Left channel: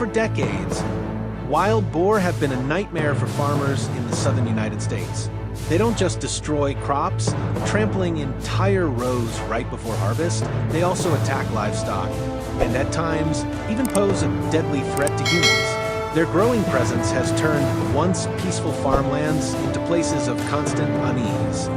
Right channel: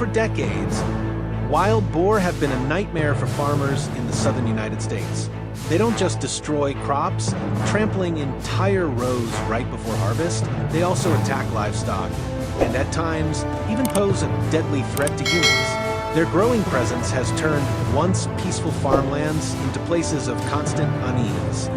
For decades, wild boar have been a nightmare for farmers in the southern United States. They don't just destroy crops, trampling entire rows right before harvest, they also attack livestock, and at times even pose a deadly threat to humans. Their growing presence has turned once peaceful farmlands into places of constant unease.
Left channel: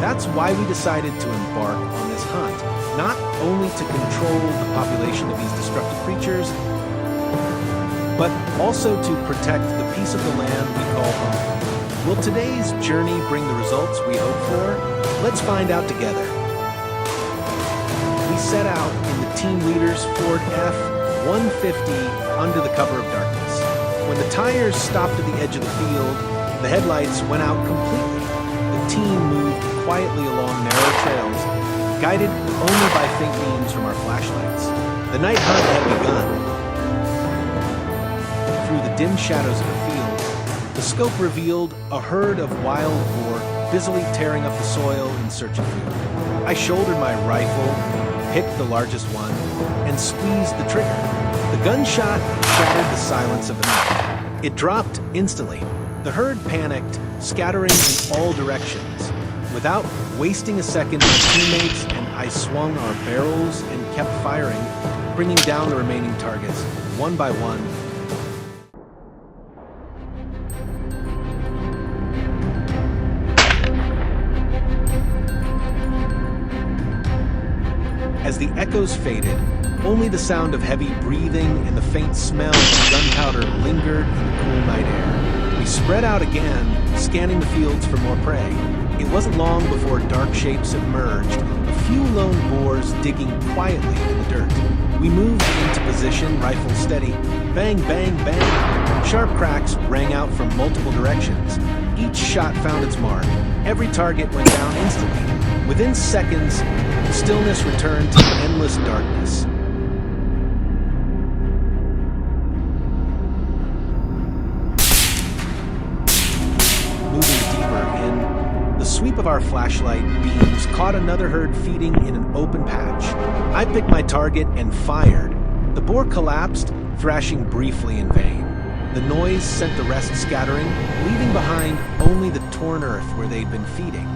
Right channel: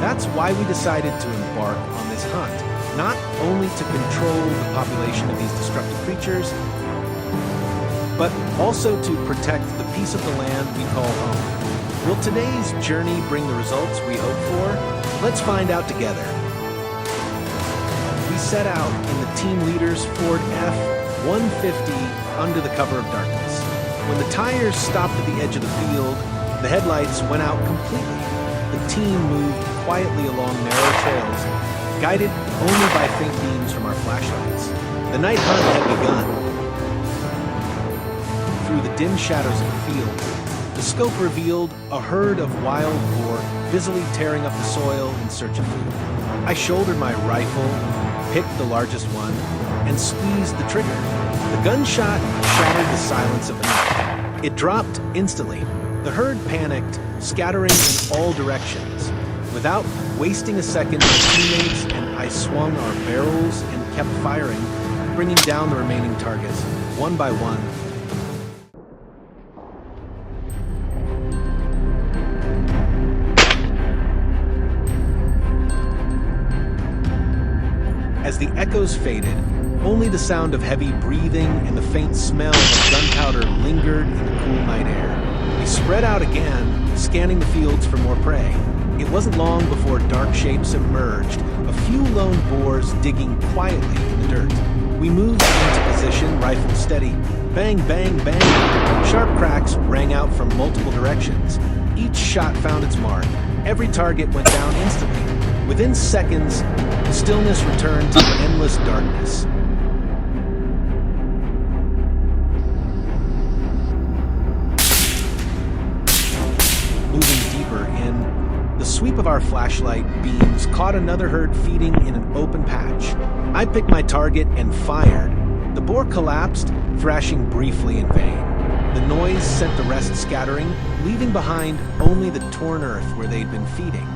That's why we decided to embark on this hunt, not only to control the population of these destructive creatures, but also to protect the piece of the land we call home. Will today's journey bring the results we hope for? Let's find out together. We set out in the team leader's Ford F-150 under the cover of darkness. When the tires stopped at the edge of the field, the headlights went out completely. The team moved quietly along narrow trails, guided only by faint beams from our flashlights. The night hunt had begun. Through the dim shadows of the field, the scope revealed a herd of wild boar busily tearing up the soil in search of food. I shouldered my rifle, picked the largest one, and squeezed the trigger. The gunshot shattered the silence of the night. It dropped instantly. The herd panicked, scattering in all directions. Without wasting a second, my teammates and I swung our barrels and kept firing, bringing down the remaining targets, one by one. As the echoes faded, only the sound of heavy breathing and the faint smell of gunpowder lingered in the cool night air. We spread out again, scanning the fields for more prey. It wasn't long before dark shapes emerged, a few lone boars digging quietly in the dirt. We moved into position, rifle steady. Bang, bang, bang. Sharp cracks rang out from multiple directions. Each shot found its mark. Every target went down instantly. Within seconds, stillness returned to endless darkness. Moving deeper in, the sweep of our flashlight beams caught another herd feeding in an open patch. I picked my target and fired. The boar collapsed, thrashing briefly in vain. The noise sent the rest scattering, leaving behind only the torn earth where they'd been feeding.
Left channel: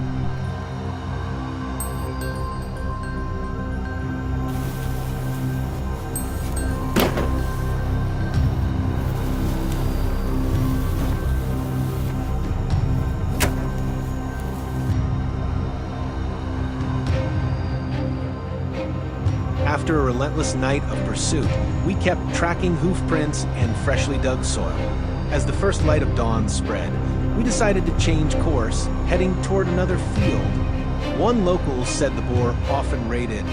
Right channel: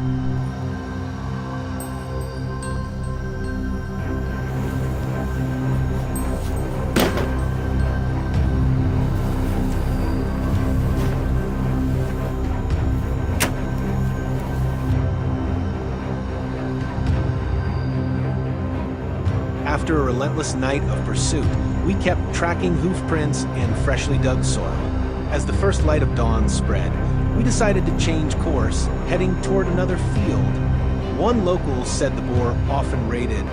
After a relentless night of pursuit, we kept tracking hoof prints and freshly dug soil. As the first light of dawn spread, we decided to change course, heading toward another field. One local said the boar often raided.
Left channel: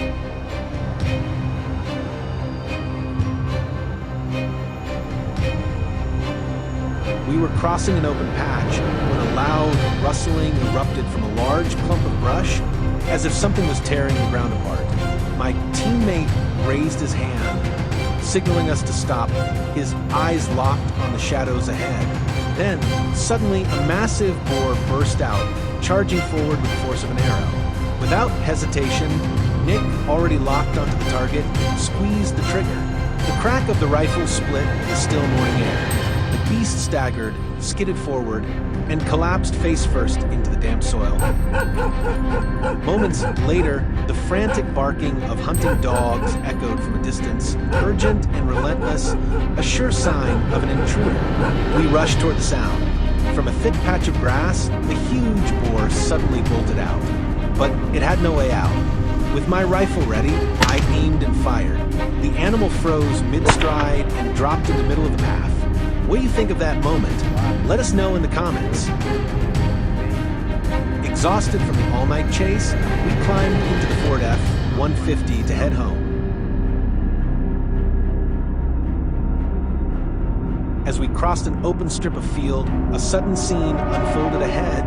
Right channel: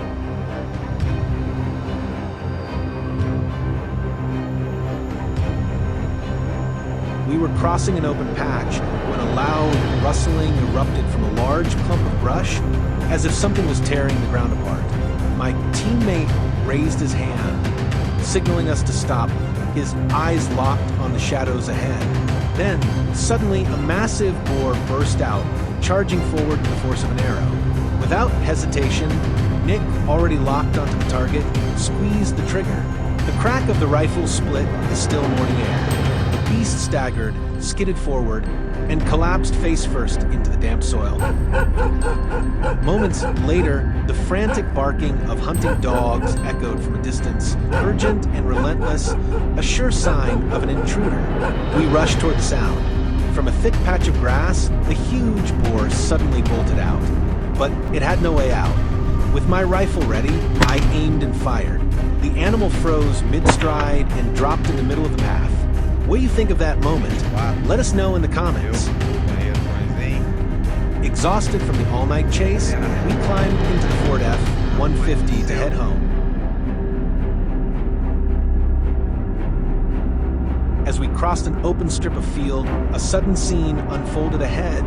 We were crossing an open patch when a loud rustling erupted from a large clump of brush, as if something was tearing the ground apart. My teammate raised his hand, signaling us to stop, his eyes locked on the shadows ahead. Then, suddenly, a massive boar burst out, charging forward with the force of an arrow. Without hesitation, Nick, already locked onto the target, squeezed the trigger. The crack of the rifle split the still morning air. The beast staggered, skidded forward, and collapsed face first into the damp soil. Moments later, the frantic barking of hunting dogs echoed from a distance, urgent and relentless, a sure sign of an intruder. We rushed toward the sound. From a thick patch of grass, the huge boar suddenly bolted out. But it had no way out. With my rifle ready, I aimed and fired. The animal froze mid-stride and dropped in the middle of the path. What do you think of that moment? Let us know in the comments. Exhausted from the all-night chase, we climbed into the Ford F-150 to head home. As we crossed an open strip of field, a sudden scene unfolded ahead.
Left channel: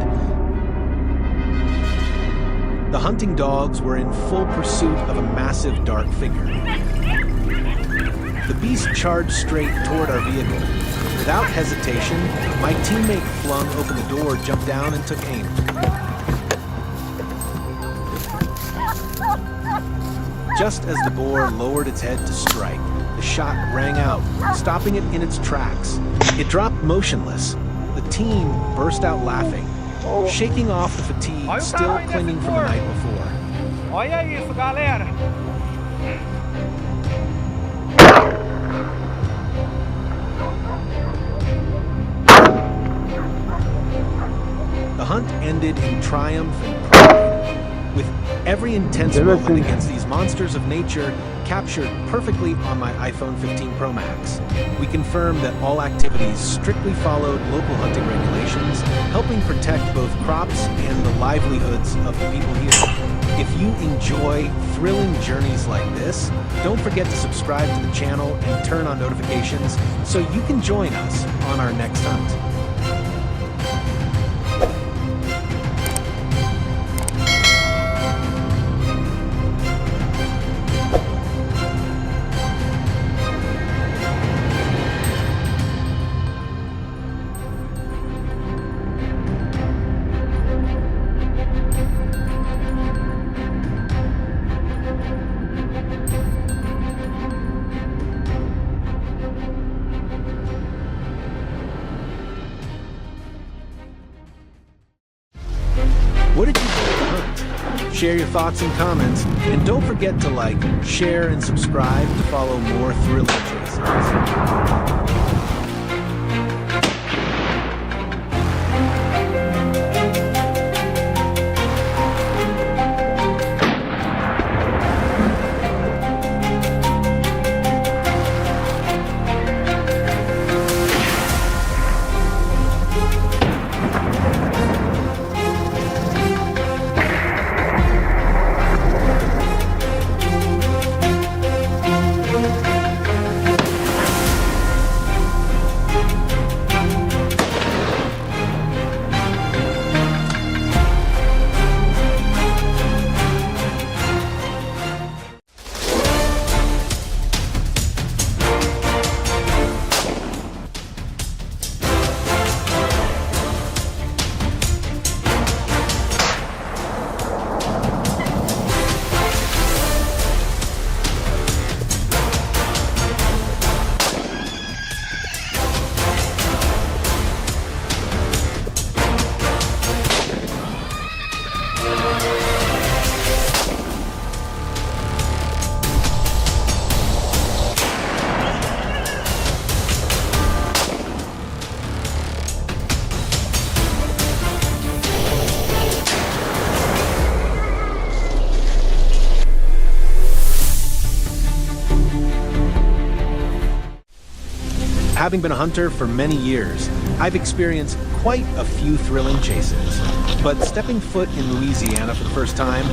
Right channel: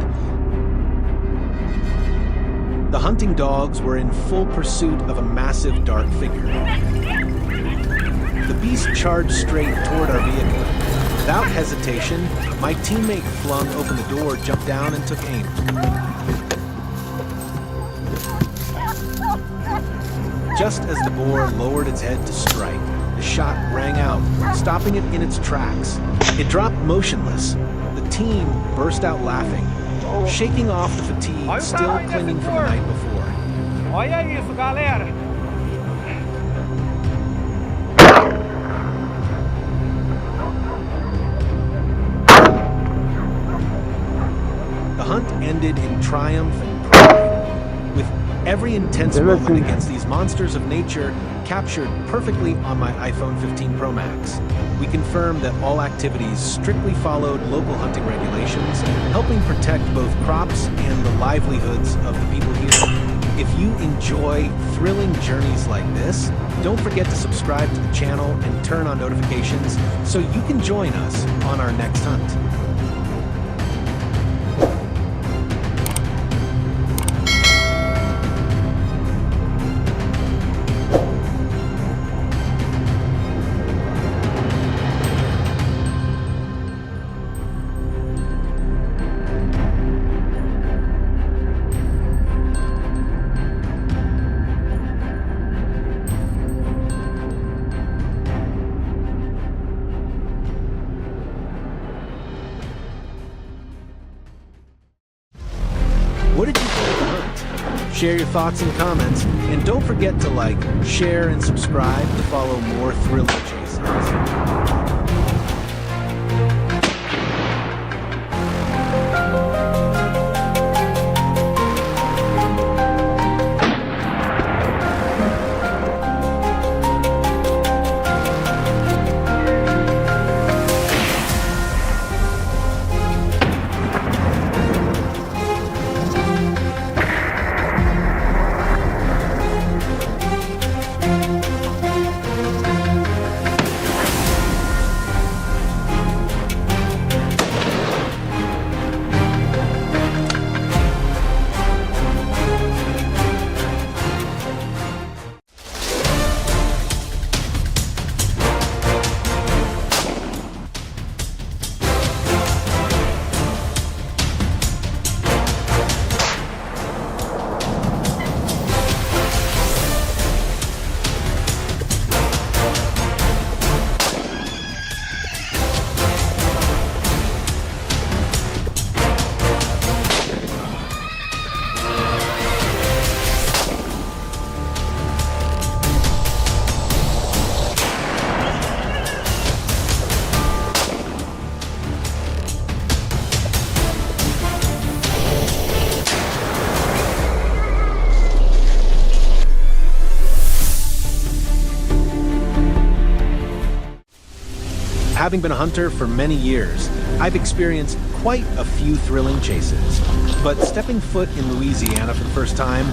The hunting dogs were in full pursuit of a massive dark figure. The beast charged straight toward our vehicle. Without hesitation, my teammate flung open the door, jumped down, and took aim. Just as the boar lowered its head to strike, the shot rang out, stopping it in its tracks. It dropped motionless. The team burst out laughing, shaking off the fatigue still clinging from the night before. Olha isso, galera! The hunt ended in triumph and pride, with every intense moment against these monsters of nature captured perfectly on my iPhone 15 Pro Max. We confirmed that all activities strictly followed local hunting regulations, helping protect both crops and the livelihoods of the people here. If you enjoy thrilling journeys like this, don't forget to subscribe to the channel and turn on notifications so you can join us on our next hunt. What did you think of the hunt? Share your thoughts and comments, and don't forget to like, share, and subscribe to follow more thrilling chases. Having been a hunter for many years, I've experienced quite a few thrilling chases. But stepping foot in Louisiana for the first time,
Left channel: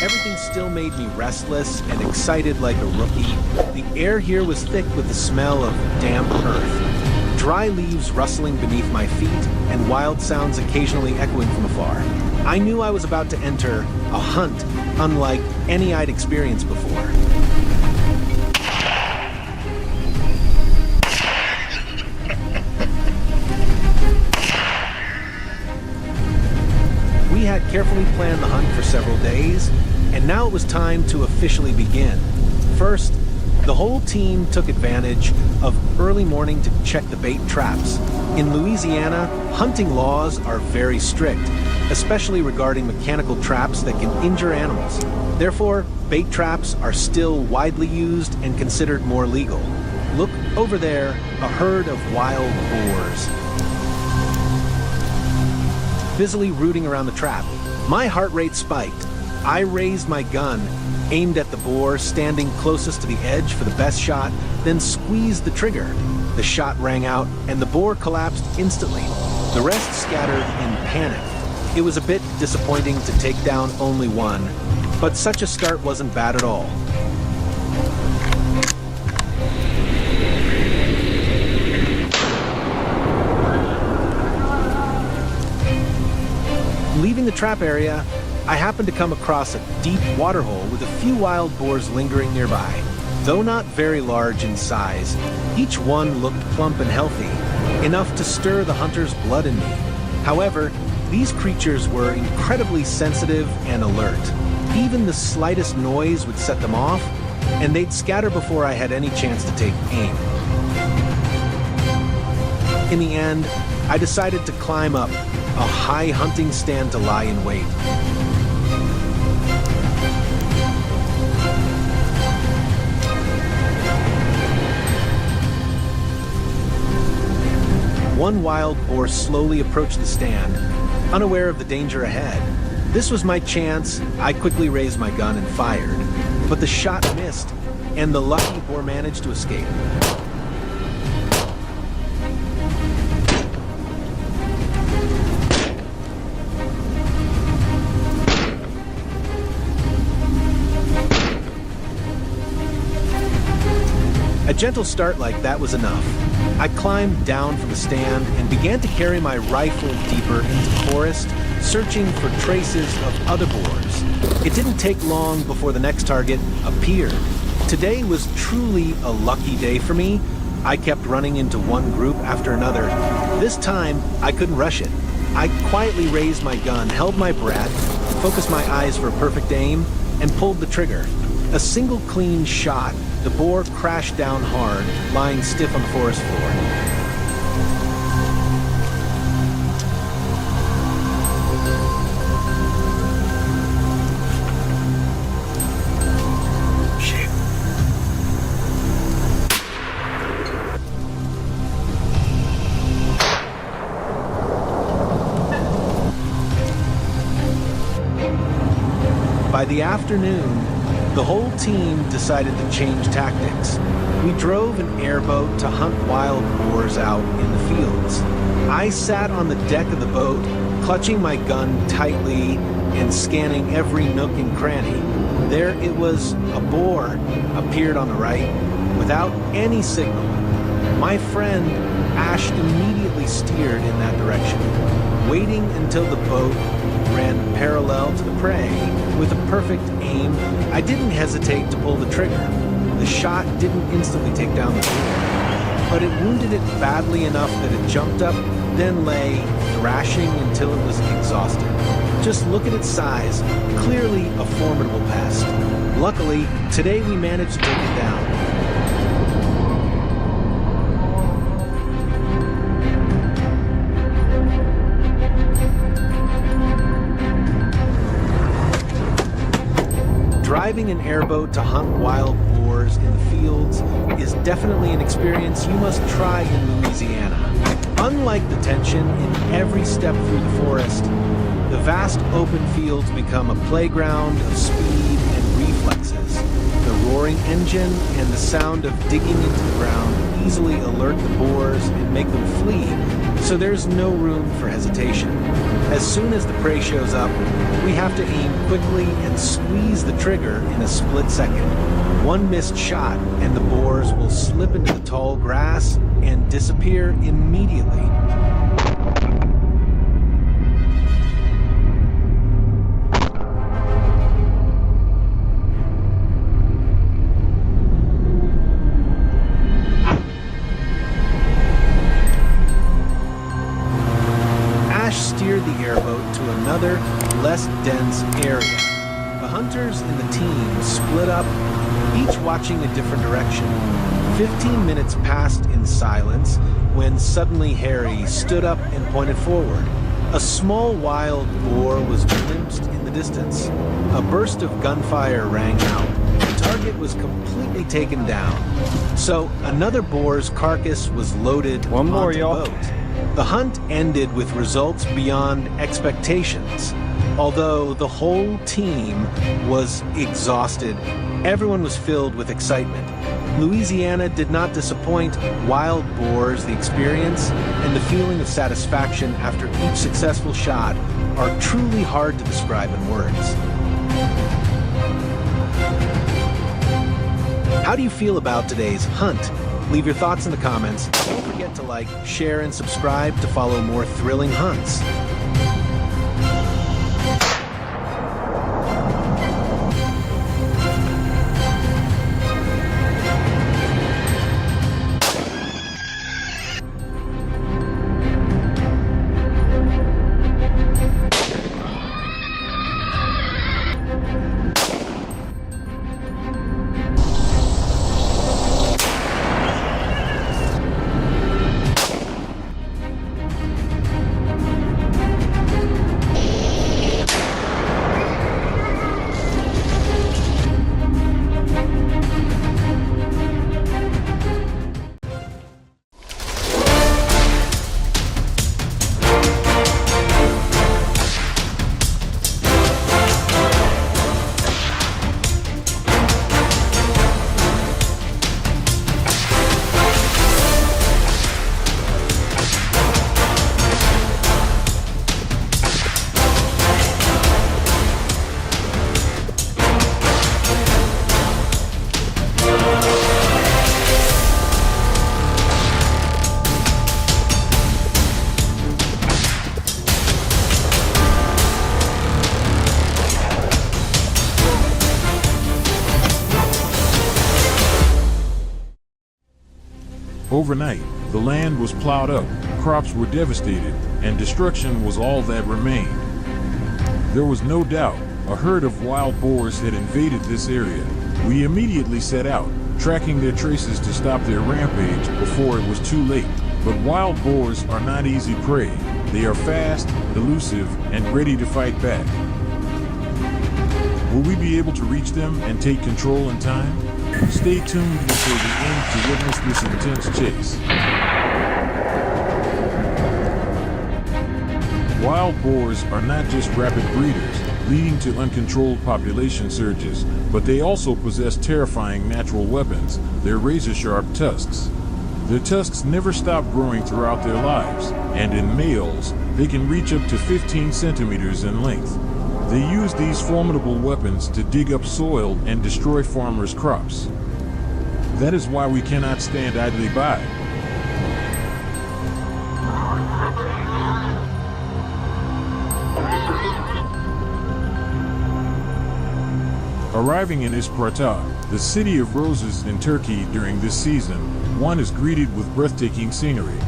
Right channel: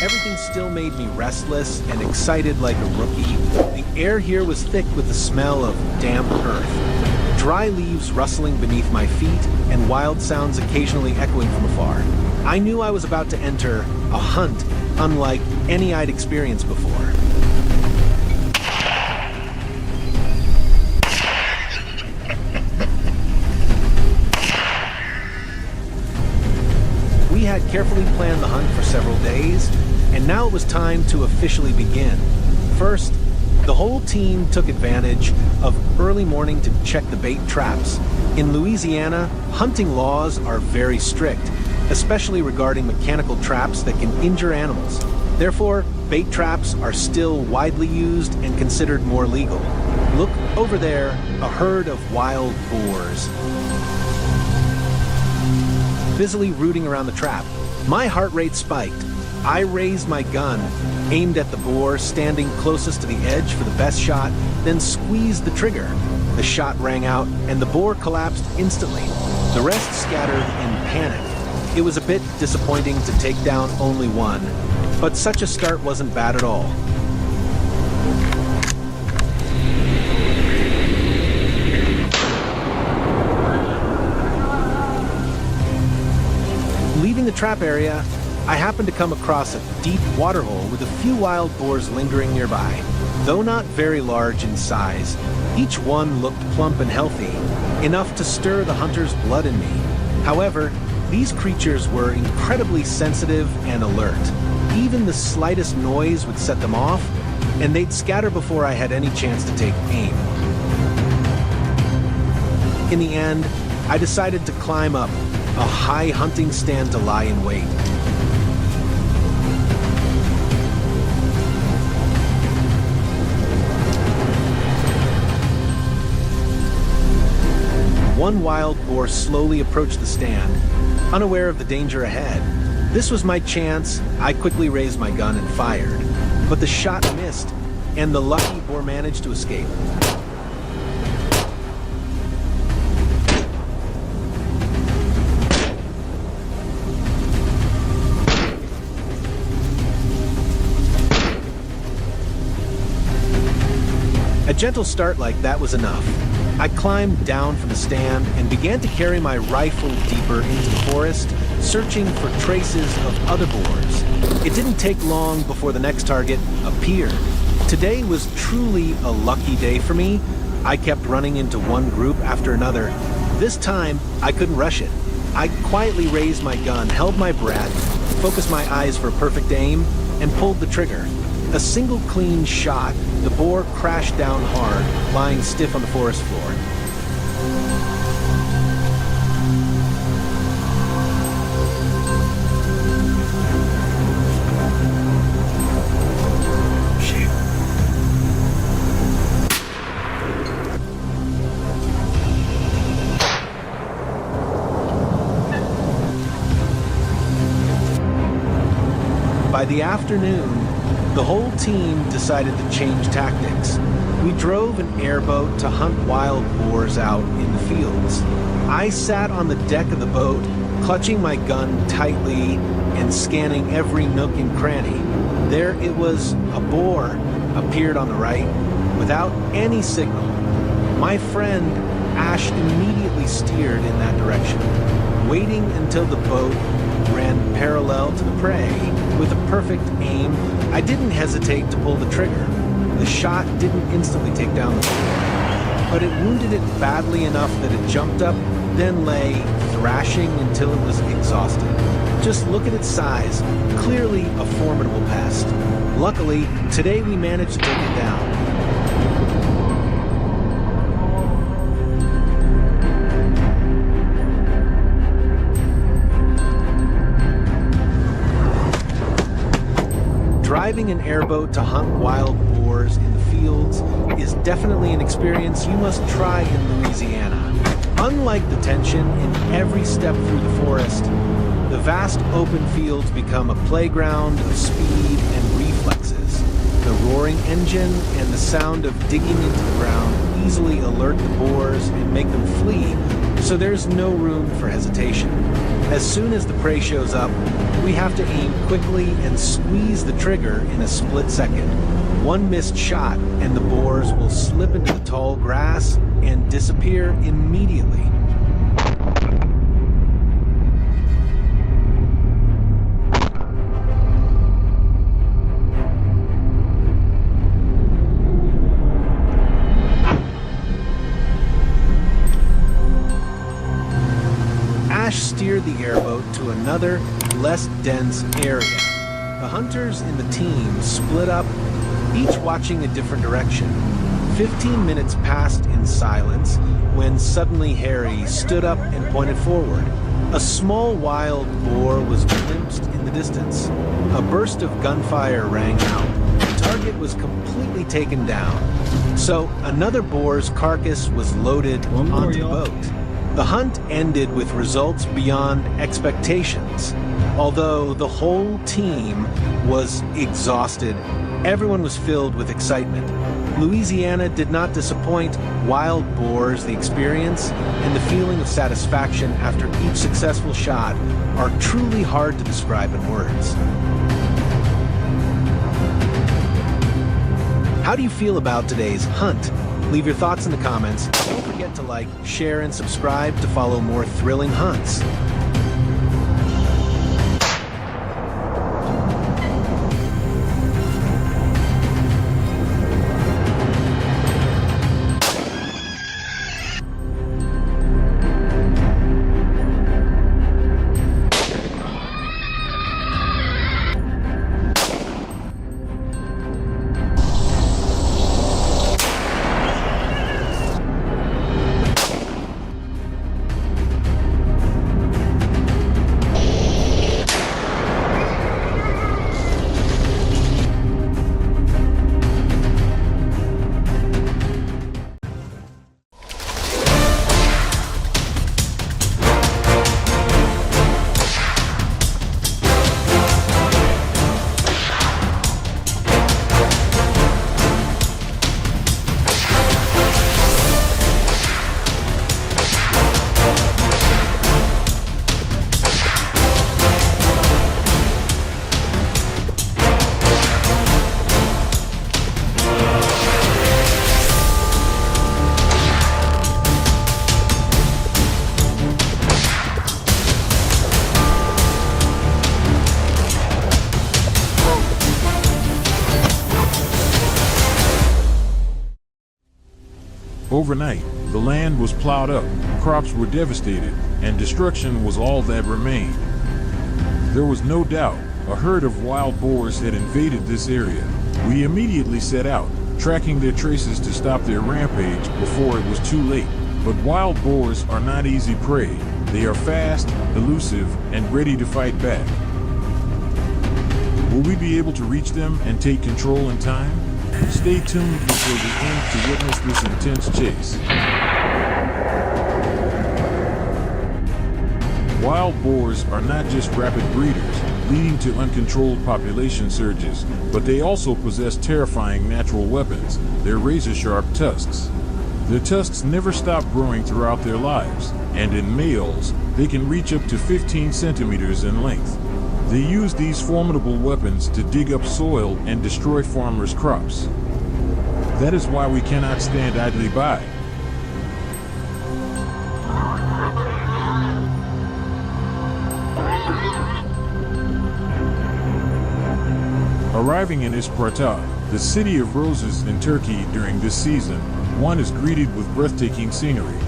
everything still made me restless and excited like a rookie. The air here was thick with the smell of damp earth, dry leaves rustling beneath my feet, and wild sounds occasionally echoing from afar. I knew I was about to enter a hunt unlike any I'd experienced before. We had carefully planned the hunt for several days, and now it was time to officially begin. First, the whole team took advantage of early morning to check the bait traps. In Louisiana, hunting laws are very strict, especially regarding mechanical traps that can injure animals. Therefore, bait traps are still widely used and considered more legal. Look over there, a herd of wild boars, busily rooting around the trap. My heart rate spiked. I raised my gun, aimed at the boar standing closest to the edge for the best shot, then squeezed the trigger. The shot rang out, and the boar collapsed instantly. The rest scattered in panic. It was a bit disappointing to take down only one, but such a start wasn't bad at all. Leaving the trap area, I happened to come across a deep waterhole with a few wild boars lingering nearby. Though not very large in size, each one looked plump and healthy, enough to stir the hunter's blood in me. However, these creatures were incredibly sensitive and alert. Even the slightest noise would set them off, and they'd scatter before I had any chance to take aim. In the end, I decided to climb up a high hunting stand to lie in wait. One wild boar slowly approached the stand, unaware of the danger ahead. This was my chance. I quickly raised my gun and fired, but the shot missed, and the lucky boar managed to escape. A gentle start like that was enough. I climbed down from the stand and began to carry my rifle deeper into the forest, searching for traces of other boars. It didn't take long before the next target appeared. Today was truly a lucky day for me. I kept running into one group after another. This time, I couldn't rush it. I quietly raised my gun, held my breath, focused my eyes for a perfect aim, and pulled the trigger. A single clean shot, the boar crashed down hard, lying stiff on the forest floor. By the afternoon, the whole team decided to change tactics. We drove an airboat to hunt wild boars out in the fields. I sat on the deck of the boat, clutching my gun tightly and scanning every nook and cranny. There it was, a boar appeared on the right without any signal. My friend Ash immediately steered in that direction, waiting until the boat ran parallel to the prey. With a perfect aim, I didn't hesitate to pull the trigger. The shot didn't instantly take down the boar, but it wounded it badly enough that it jumped up, then lay thrashing until it was exhausted. Just look at its size, clearly a formidable pest. Luckily, today we managed to take it down. Driving an airboat to hunt wild boars in the fields is definitely an experience you must try in Louisiana. Unlike the tension in every step through the forest, the vast open fields become a playground of speed and reflexes. The roaring engine and the sound of digging into the ground easily alert the boars and make them flee, so there's no room for hesitation. As soon as the prey shows up, we have to aim quickly and squeeze the trigger in a split second. One missed shot and the boars will slip into the tall grass and disappear immediately. Ash steered the airboat to another, less dense area. The hunters in the team split up, each watching a different direction. 15 minutes passed in silence when suddenly Harry stood up and pointed forward. A small wild boar was glimpsed in the distance. A burst of gunfire rang out. The target was completely taken down. So another boar's carcass was loaded onto the boat. The hunt ended with results beyond expectations. Although the whole team was exhausted, everyone was filled with excitement. Louisiana did not disappoint. Wild boars, the experience, and the feeling of satisfaction after each successful shot are truly hard to describe in words. How do you feel about today's hunt? Leave your thoughts in the comments. Don't forget to like, share, and subscribe to follow more thrilling hunts. Overnight, the land was plowed up, crops were devastated, and destruction was all that remained. There was no doubt a herd of wild boars had invaded this area. We immediately set out, tracking their traces to stop their rampage before it was too late. But wild boars are not easy prey. They are fast, elusive, and ready to fight back. Will we be able to reach them and take control in time? Stay tuned until the end to witness this intense chase. Wild boars are not just rapid breeders, leading to uncontrolled population surges, but they also possess terrifying natural weapons, their razor-sharp tusks. Their tusks never stop growing throughout their lives, and in males, they can reach up to 15 centimeters in length. They use these formidable weapons to dig up soil and destroy farmers' crops. That is why we cannot stand idly by. Arriving in Isparta, the city of roses in Turkey during this season, one is greeted with breathtaking scenery.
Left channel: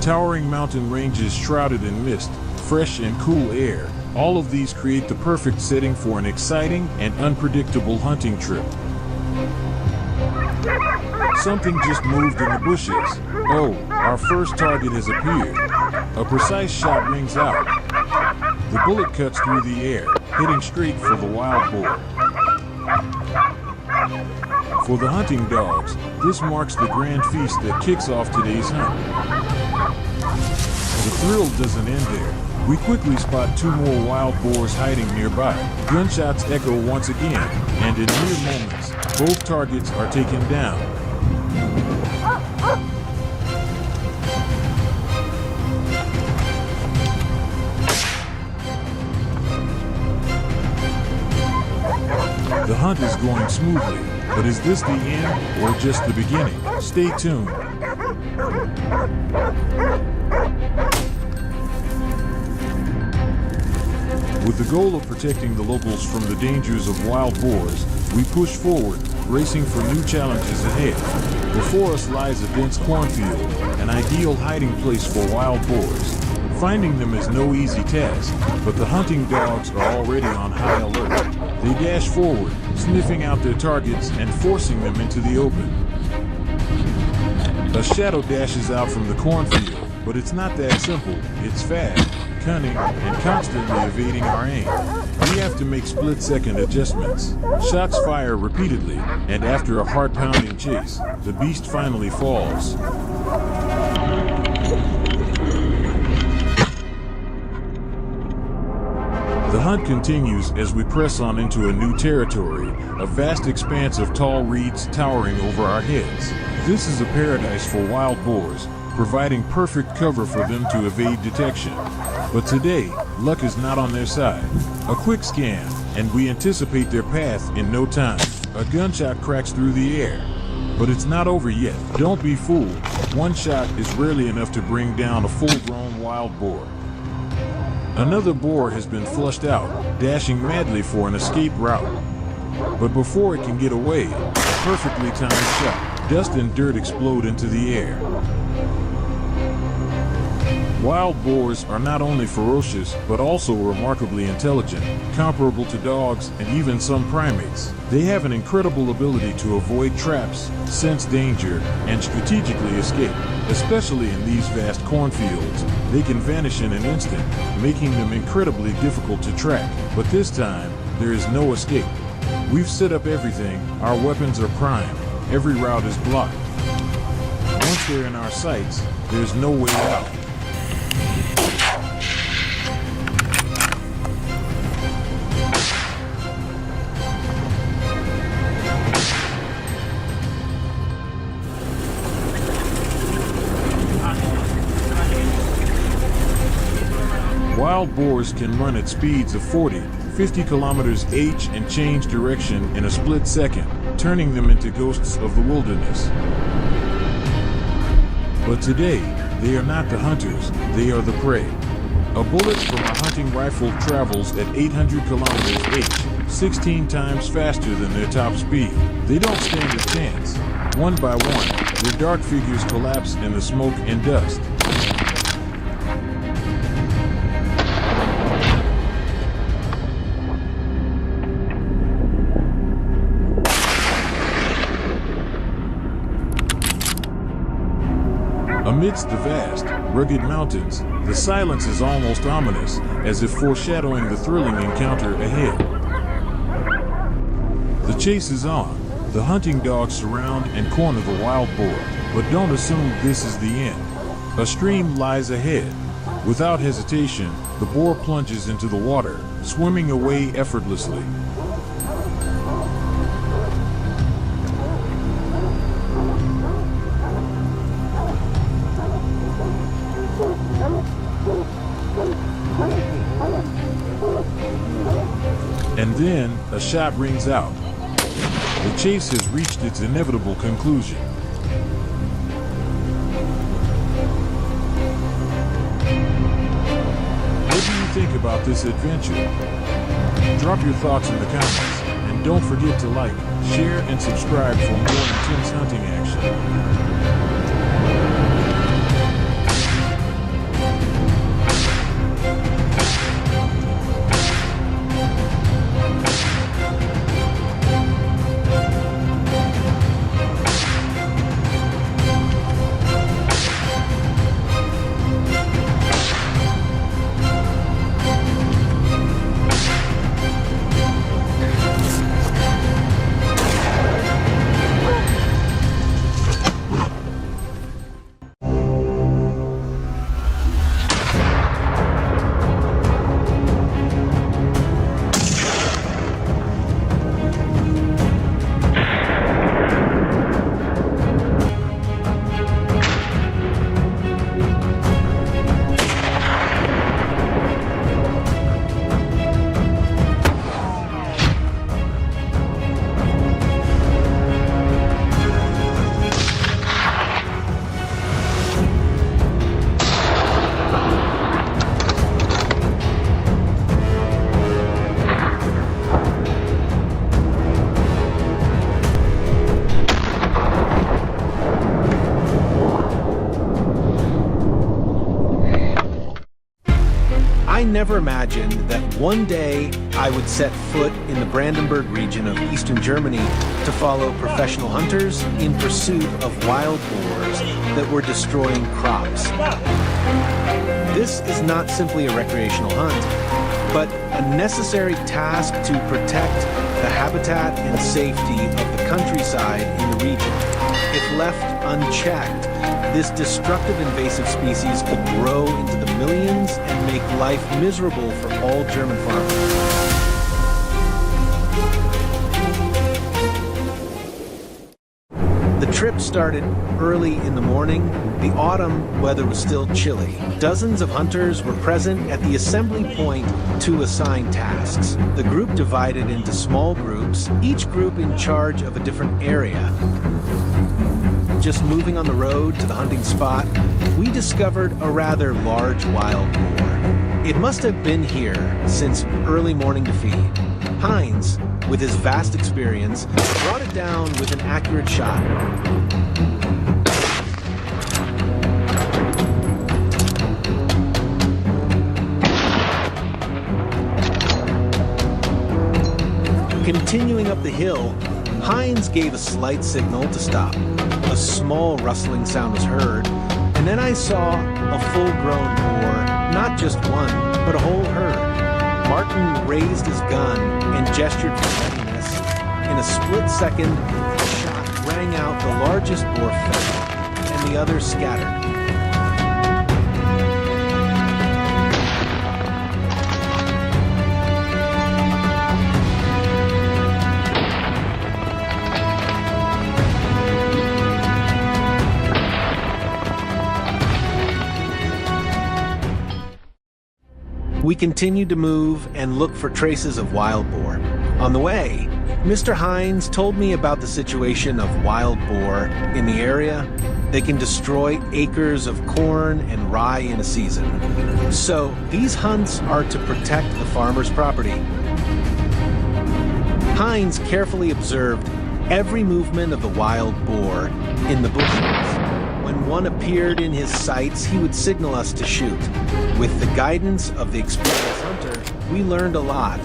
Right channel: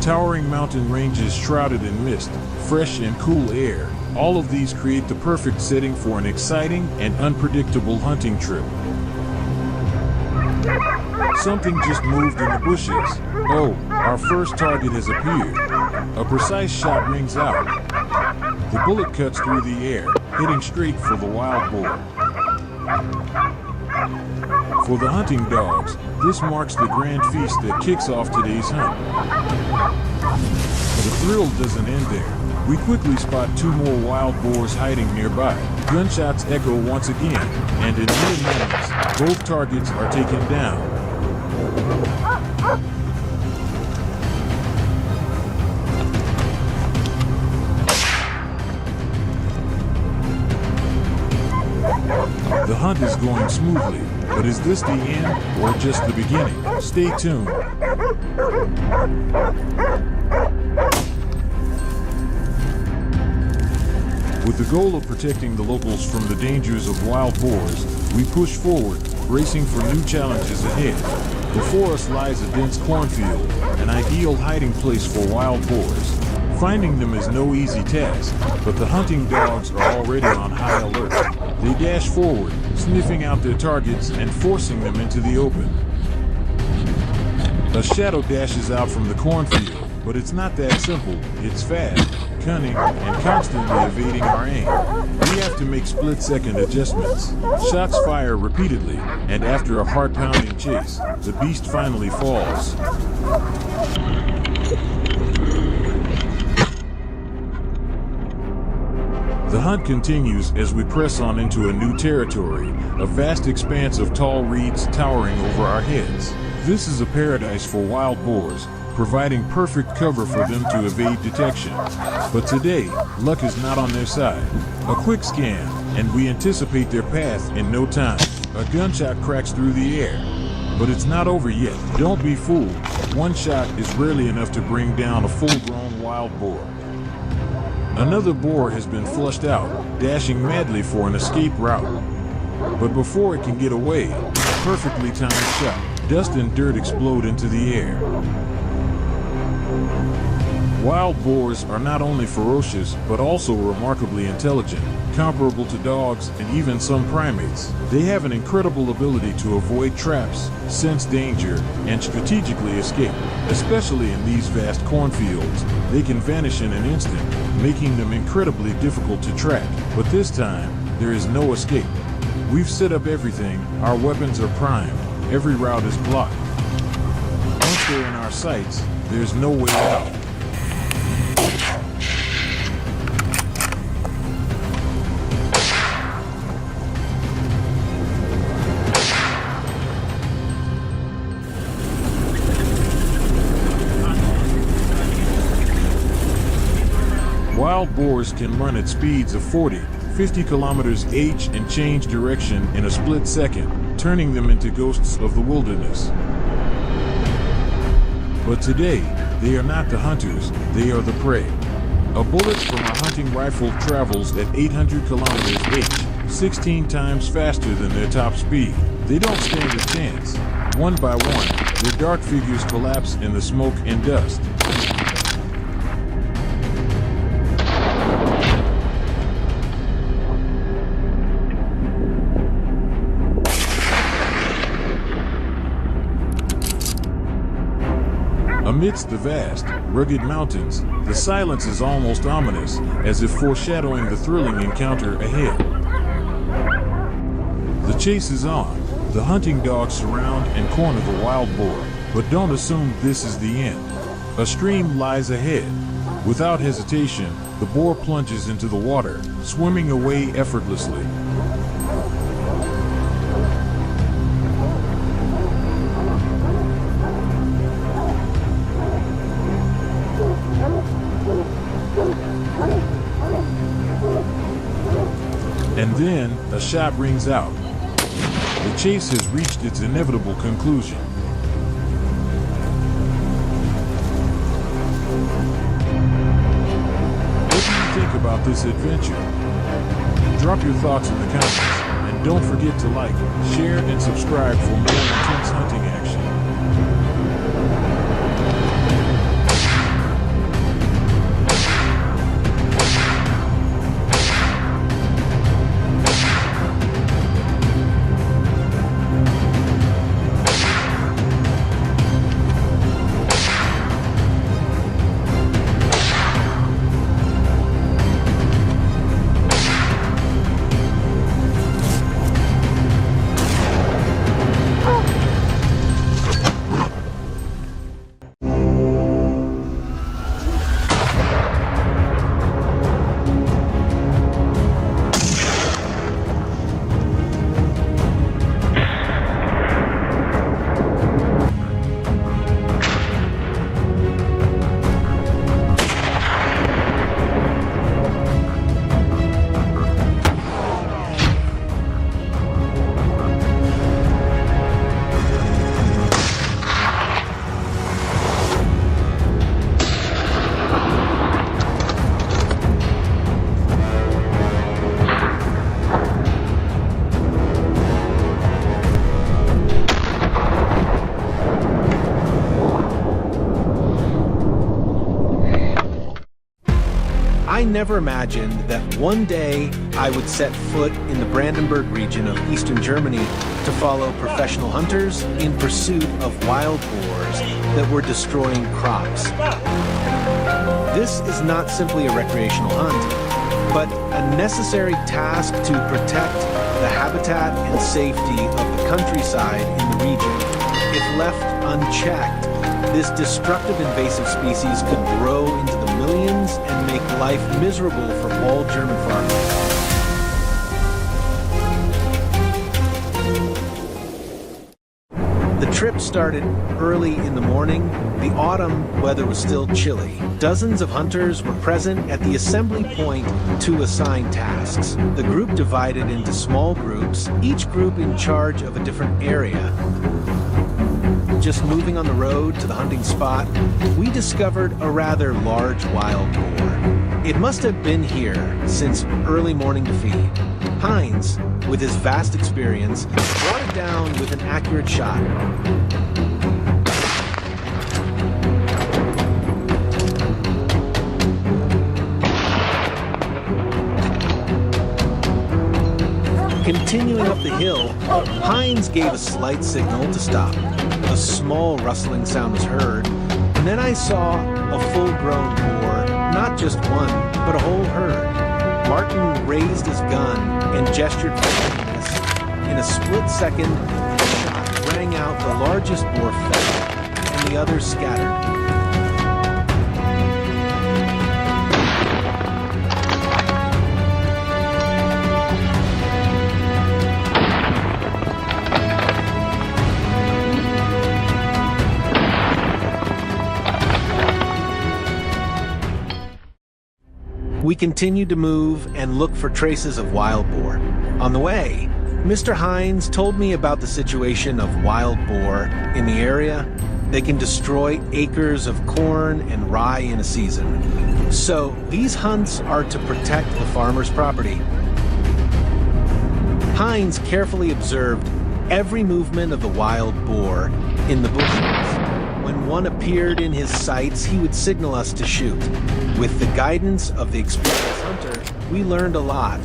Towering mountain ranges shrouded in mist, fresh and cool air, all of these create the perfect setting for an exciting and unpredictable hunting trip. Something just moved in the bushes. Oh, our first target has appeared. A precise shot rings out. The bullet cuts through the air, hitting straight for the wild boar. For the hunting dogs, this marks the grand feast that kicks off today's hunt. The thrill doesn't end there. We quickly spot two more wild boars hiding nearby. Gunshots echo once again, and in mere moments, both targets are taken down. The hunt is going smoothly, but is this the end or just the beginning? Stay tuned. With the goal of protecting the locals from the dangers of wild boars, we push forward, racing for new challenges ahead. Before us lies a dense cornfield, an ideal hiding place for wild boars. Finding them is no easy task, but the hunting dogs are already on high alert. They dash forward, sniffing out their targets and forcing them into the open. A shadow dashes out from the cornfield, but it's not that simple. It's fast, cunning, and constantly evading our aim. We have to make split-second adjustments. Shots fire repeatedly, and after a heart-pounding chase, the beast finally falls. The hunt continues as we press on into a new territory, a vast expanse of tall reeds towering over our heads. This is a paradise for wild boars, providing perfect cover for them to evade detection. But today, luck is not on their side. A quick scan, and we anticipate their path in no time. A gunshot cracks through the air. But it's not over yet. Don't be fooled. One shot is rarely enough to bring down a full-grown wild boar. Another boar has been flushed out, dashing madly for an escape route. But before it can get away, a perfectly timed shot. Dust and dirt explode into the air. Wild boars are not only ferocious, but also remarkably intelligent, comparable to dogs and even some primates. They have an incredible ability to avoid traps, sense danger, and strategically escape. Especially in these vast cornfields, they can vanish in an instant, making them incredibly difficult to track. But this time, there is no escape. We've set up everything, our weapons are primed, every route is blocked. Once they're in our sights, there's no way out. Wild boars can run at speeds of 40, 50 kilometers h and change direction in a split second, turning them into ghosts of the wilderness. But today, they are not the hunters, they are the prey. A bullet from a hunting rifle travels at 800 kilometers h, 16 times faster than their top speed. They don't stand a chance. One by one, their dark figures collapse in the smoke and dust. Amidst the vast, rugged mountains, the silence is almost ominous, as if foreshadowing the thrilling encounter ahead. The chase is on. The hunting dogs surround and corner the wild boar, but don't assume this is the end. A stream lies ahead. Without hesitation, the boar plunges into the water, swimming away effortlessly. And then, a shot rings out. The chase has reached its inevitable conclusion. What do you think about this adventure? Drop your thoughts in the comments, and don't forget to like, share, and subscribe for more intense hunting action. I never imagined that one day I would set foot in the Brandenburg region of eastern Germany to follow professional hunters in pursuit of wild boars that were destroying crops. This is not simply a recreational hunt, but a necessary task to protect the habitat and safety of the countryside in the region. If left unchecked, this destructive invasive species could grow into the millions and make life miserable for all German farmers. The trip started early in the morning. The autumn weather was still chilly. Dozens of hunters were present at the assembly point to assign tasks. The group divided into small groups, each group in charge of a different area. Just moving on the road to the hunting spot, we discovered a rather large wild boar. It must have been here since early morning to feed. Heinz, with his vast experience, brought it down with an accurate shot. Continuing up the hill, Heinz gave a slight signal to stop. A small rustling sound was heard, and then I saw a full-grown boar, not just one, but a whole herd. Martin raised his gun and gestured for readiness. In a split second, the shot rang out, the largest boar fell, and the others scattered. We continued to move and look for traces of wild boar. On the way, Mr. Heinz told me about the situation of wild boar in the area. They can destroy acres of corn and rye in a season. So these hunts are to protect the farmer's property. Heinz carefully observed every movement of the wild boar in the bushes. When one appeared in his sights, he would signal us to shoot. With the guidance of the experienced hunter, we learned a lot.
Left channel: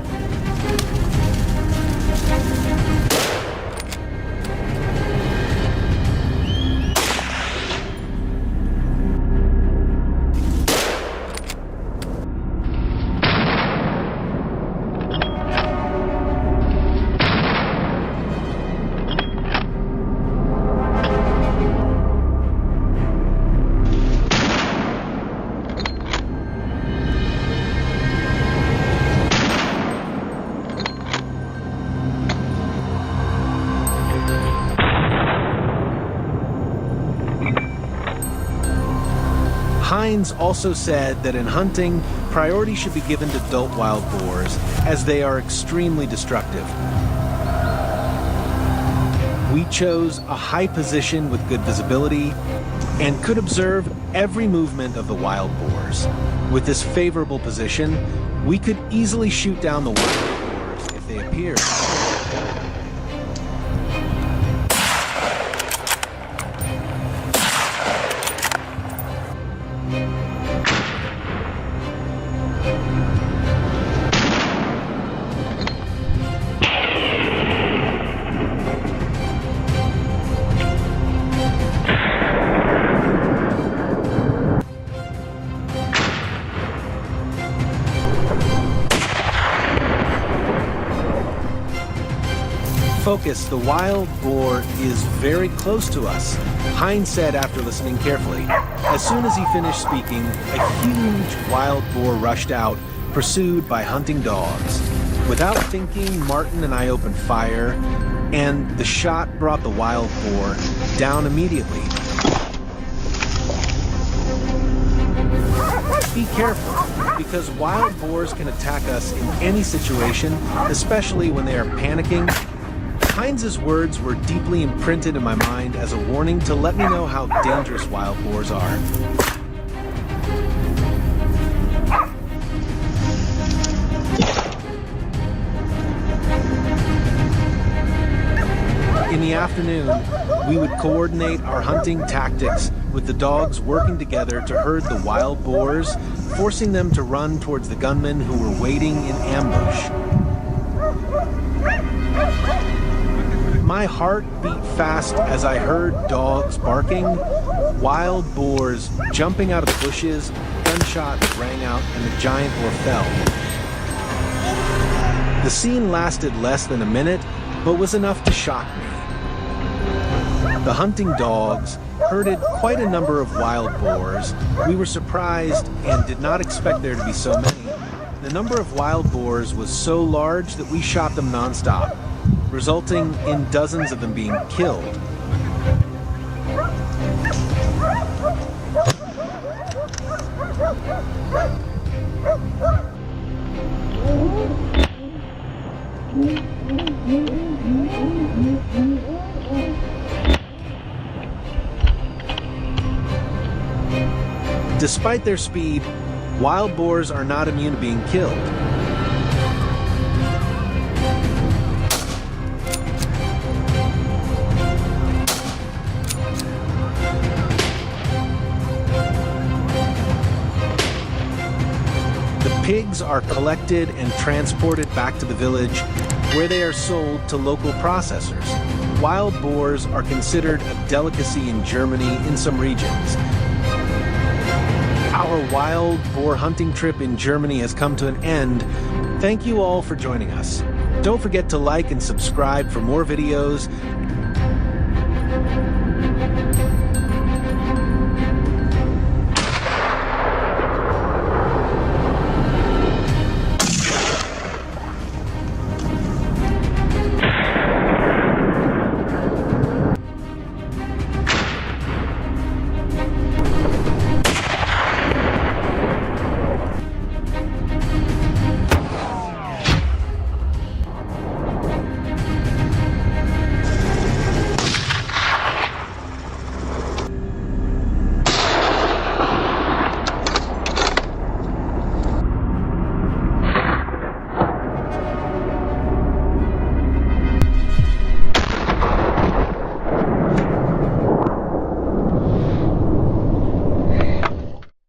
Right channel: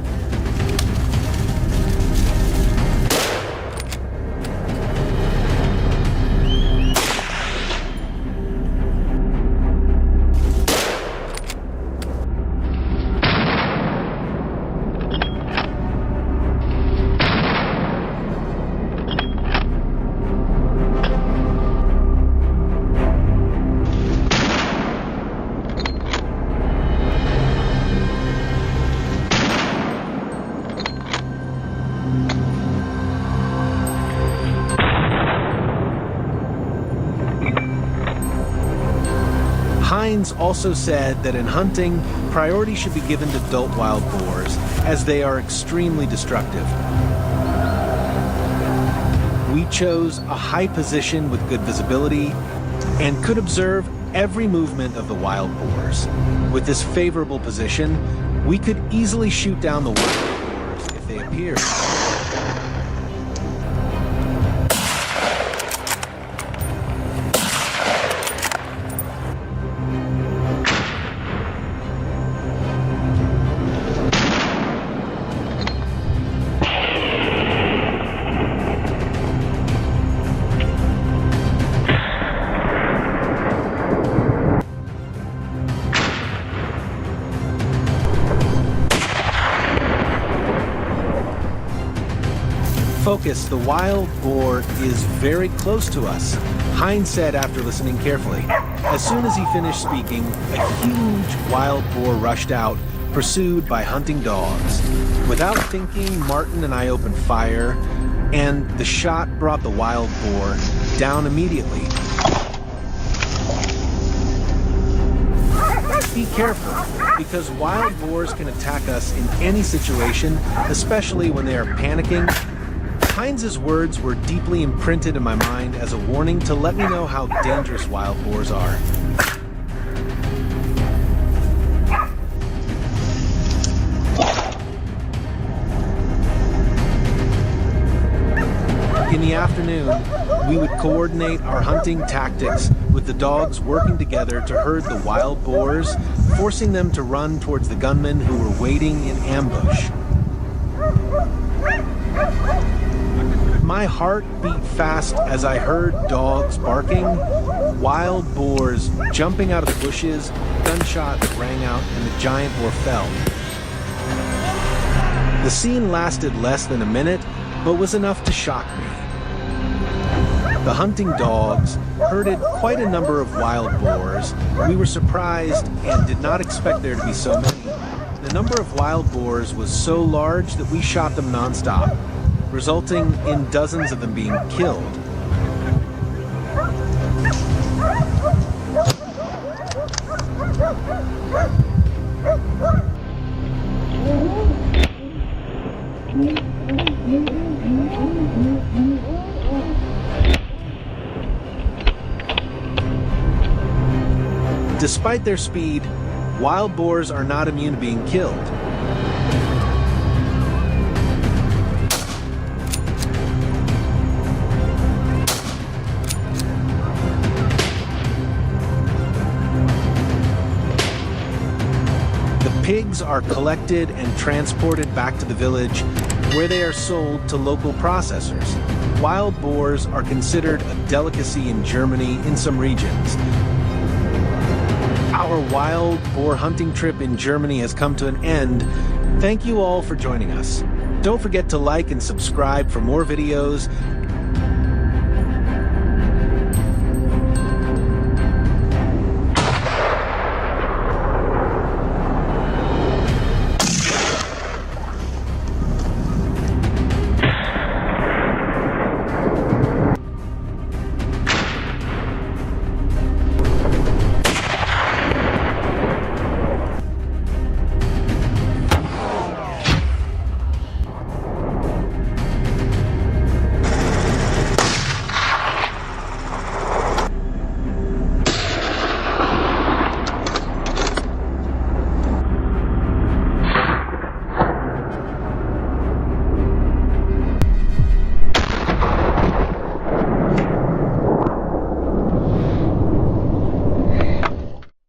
Heinz also said that in hunting, priority should be given to adult wild boars, as they are extremely destructive. We chose a high position with good visibility and could observe every movement of the wild boars. With this favorable position, we could easily shoot down the wild boars if they appeared. Focus, the wild boar is very close to us, Heinz said after listening carefully. As soon as he finished speaking, a huge wild boar rushed out, pursued by hunting dogs. Without thinking, Martin and I opened fire, and the shot brought the wild boar down immediately. Be careful, because wild boars can attack us in any situation, especially when they are panicking. Heinz's words were deeply imprinted in my mind as a warning to let me know how dangerous wild boars are. In the afternoon, we would coordinate our hunting tactics with the dogs working together to herd the wild boars, forcing them to run towards the gunmen who were waiting in ambush. My heart beat fast as I heard dogs barking, wild boars jumping out of the bushes, gunshots rang out, and the giant boar fell. The scene lasted less than a minute, but was enough to shock me. The hunting dogs herded quite a number of wild boars. We were surprised and did not expect there to be so many. The number of wild boars was so large that we shot them nonstop, resulting in dozens of them being killed. Despite their speed, wild boars are not immune to being killed. Pigs are collected and transported back to the village, where they are sold to local processors. Wild boars are considered a delicacy in Germany in some regions. Our wild boar hunting trip in Germany has come to an end. Thank you all for joining us. Don't forget to like and subscribe for more videos,